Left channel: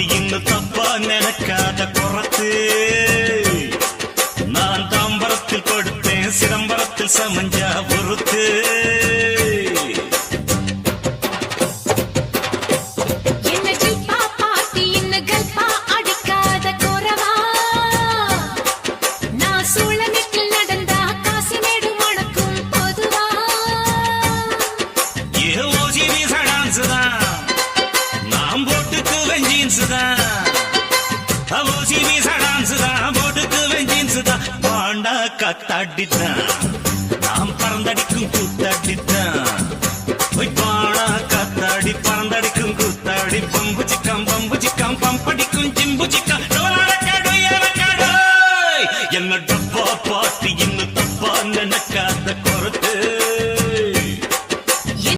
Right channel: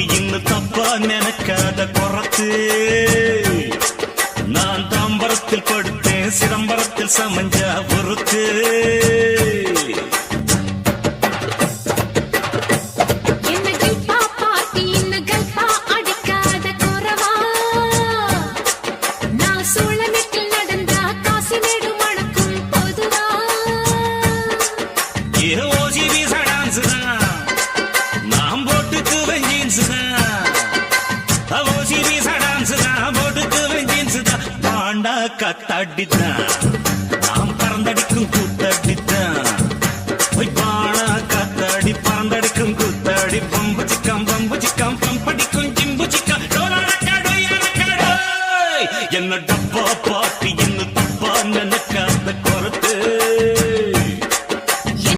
பாட்டி இன்னும் தப்பா நினைக்காத குறத்து. நான் தாம்பரத்தில் படுத்தேன், சிதம்பரத்தில் சமஞ்சா பொறுத்து. கத்தாடித்தான் நாம் பறந்தடிக்கும் கூத்தாடித்தான். பானா கத்தாடி பறந்தடிக்கும் கூத்தாடி. பம்பு சிக்கம் பம்படிக்கும் ஜிம்பு சிக்கம். என்ன டப்பா பாட்டி இன்னும் தப்பா நினைக்காத குறத்து.